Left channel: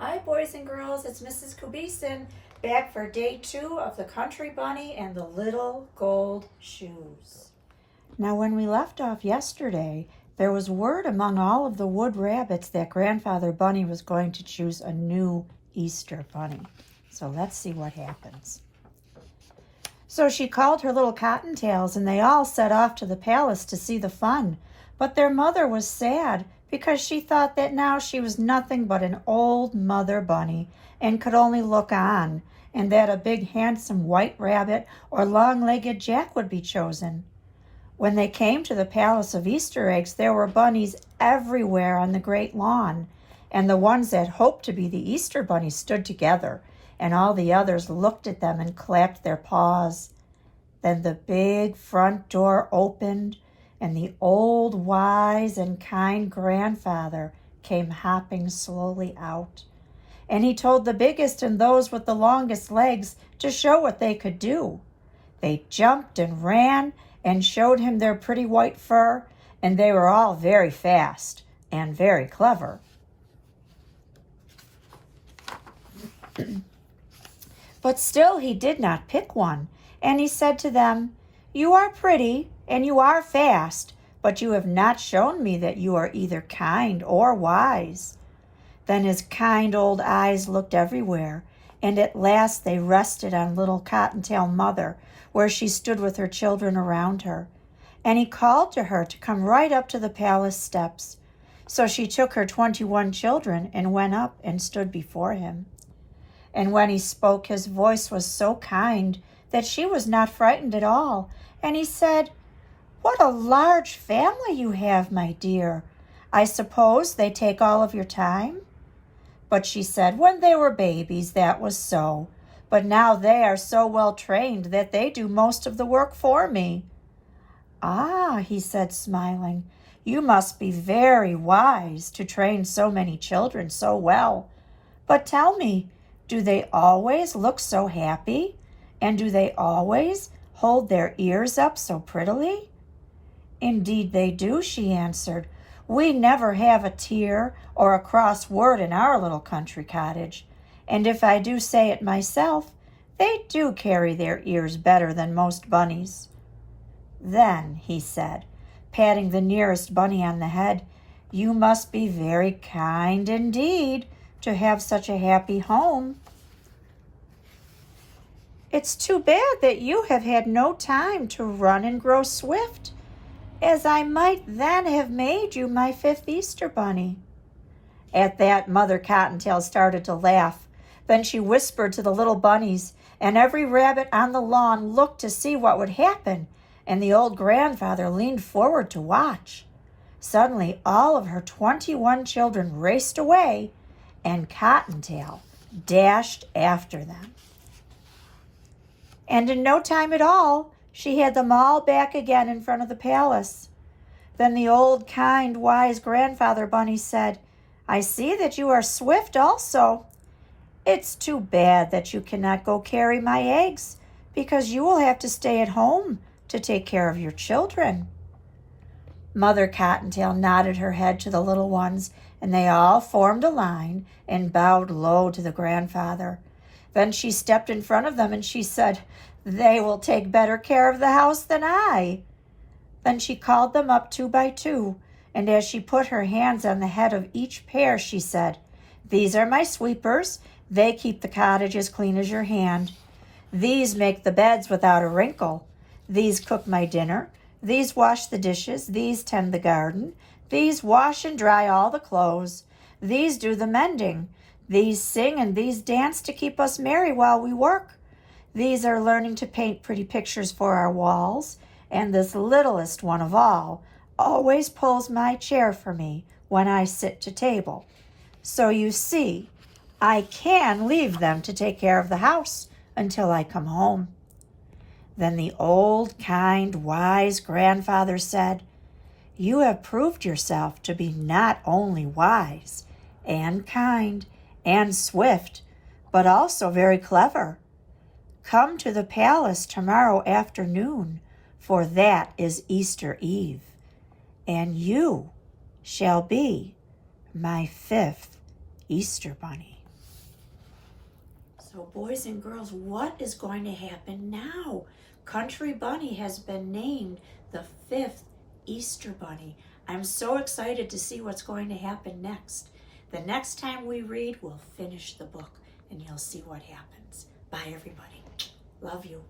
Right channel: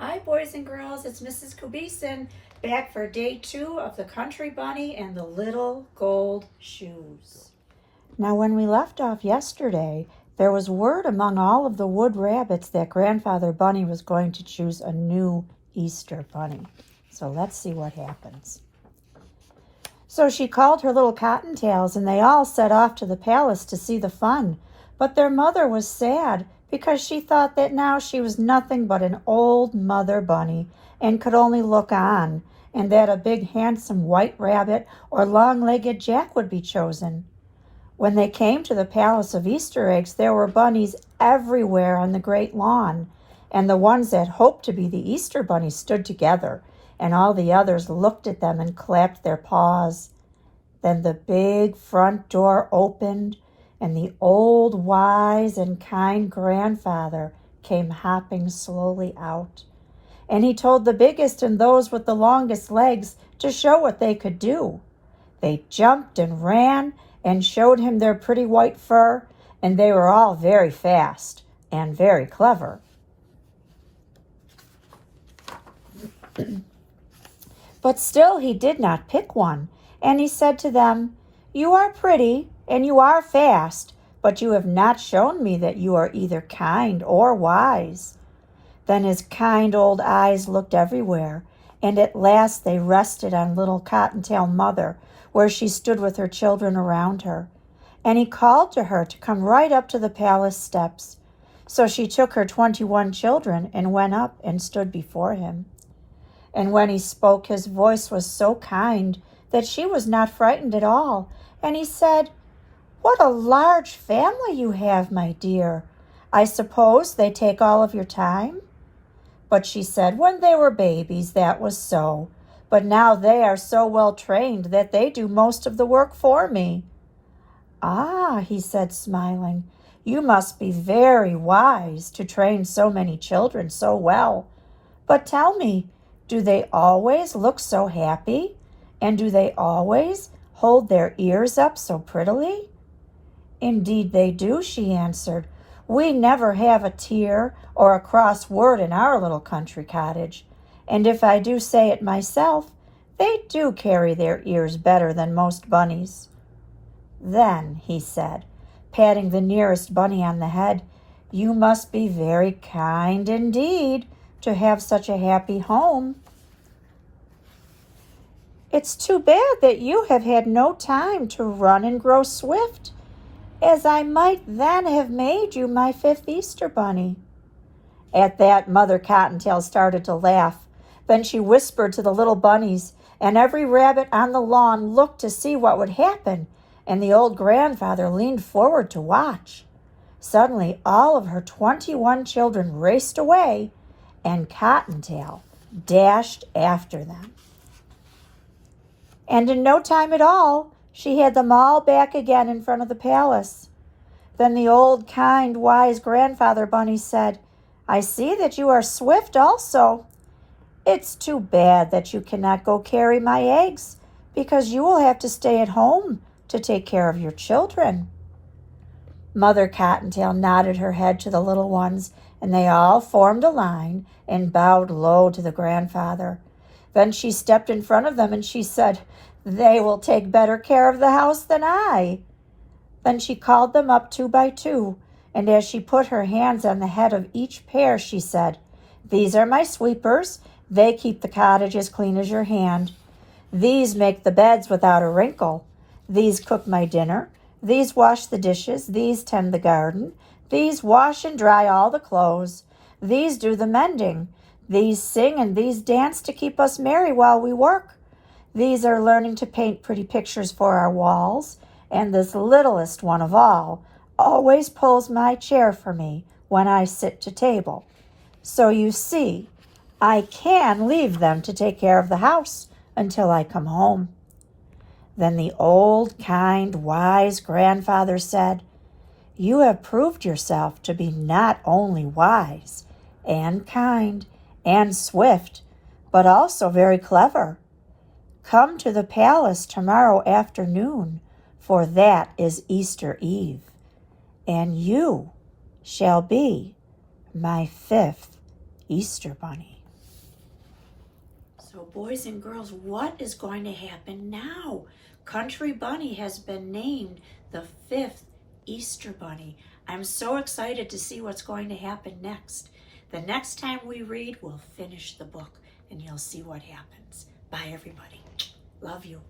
Hi, boys and girls. It's Mrs. Kubison back for day 2 of the Country Bunny and the Little Gold Shoes. Now, when we left off yesterday, there was word among all of the wood rabbits that Grandfather Bunny was going to choose a new Easter bunny. So let's see what happens. So she called her little cottontails, and they all set off to the palace to see the fun. But their mother was sad because she thought that now she was nothing but an old mother bunny and could only look on, and that a big handsome white rabbit or long-legged Jack would be chosen. When they came to the Palace of Easter Eggs, there were bunnies everywhere on the great lawn, and the ones that hoped to be the Easter bunnies stood together, and all the others looked at them and clapped their paws. Then the big front door opened, and the old, wise, and kind grandfather came hopping slowly out. And he told the biggest and those with the longest legs to show what they could do. They jumped and ran and showed him their pretty white fur, and they were all very fast and very clever. But still he did not pick one, and he said to them, "You are pretty, and you are fast, but you have not shown me that you are either kind or wise." Then his kind old eyes looked everywhere, and at last they rested on little Cottontail Mother, where she stood with her children around her. And he called to her to come right up to the palace steps. So she took her 21 children and went up and stood before him. And when he spoke, his voice was so kind that she was not frightened at all. And he said, "What a large family you have, my dear. I suppose they take all of your time?" But she said, "When they were babies, that was so. But now they are so well trained that they do most of the work for me." "Ah," he said, smiling, "you must be very wise to train so many children so well. But tell me, do they always look so happy? And do they always hold their ears up so prettily?" "Indeed they do," she answered. "We never have a tear or a cross word in our little country cottage. And if I do say it myself, they do carry their ears better than most bunnies." "Then," he said, patting the nearest bunny on the head, "you must be very kind indeed to have such a happy home. It's too bad that you have had no time to run and grow swift, as I might then have made you my 5th Easter bunny." At that, Mother Cottontail started to laugh. Then she whispered to the little bunnies, and every rabbit on the lawn looked to see what would happen, and the old grandfather leaned forward to watch. Suddenly, all of her 21 children raced away, and Cottontail dashed after them. And in no time at all, she had them all back again in front of the palace. Then the old, kind, wise grandfather bunny said, "I see that you are swift also. It's too bad that you cannot go carry my eggs, because you will have to stay at home to take care of your children." Mother Cottontail nodded her head to the little ones, and they all formed a line and bowed low to the grandfather. Then she stepped in front of them and she said, "They will take better care of the house than I." Then she called them up 2 by 2, and as she put her hands on the head of each pair, she said, "These are my sweepers. They keep the cottage as clean as your hand. These make the beds without a wrinkle. These cook my dinner. These wash the dishes. These tend the garden. These wash and dry all the clothes. These do the mending. These sing and these dance to keep us merry while we work. These are learning to paint pretty pictures for our walls. And this littlest one of all always pulls my chair for me when I sit to table. So you see, I can leave them to take care of the house until I come home." Then the old, kind, wise grandfather said, "You have proved yourself to be not only wise and kind and swift, but also very clever. Come to the palace tomorrow afternoon, for that is Easter Eve, and you shall be my 5th Easter bunny." So boys and girls, what is going to happen now? Country Bunny has been named the 5th Easter Bunny. I'm so excited to see what's going to happen next. The next time we read, we'll finish the book and you'll see what happens. Bye, everybody. Love you.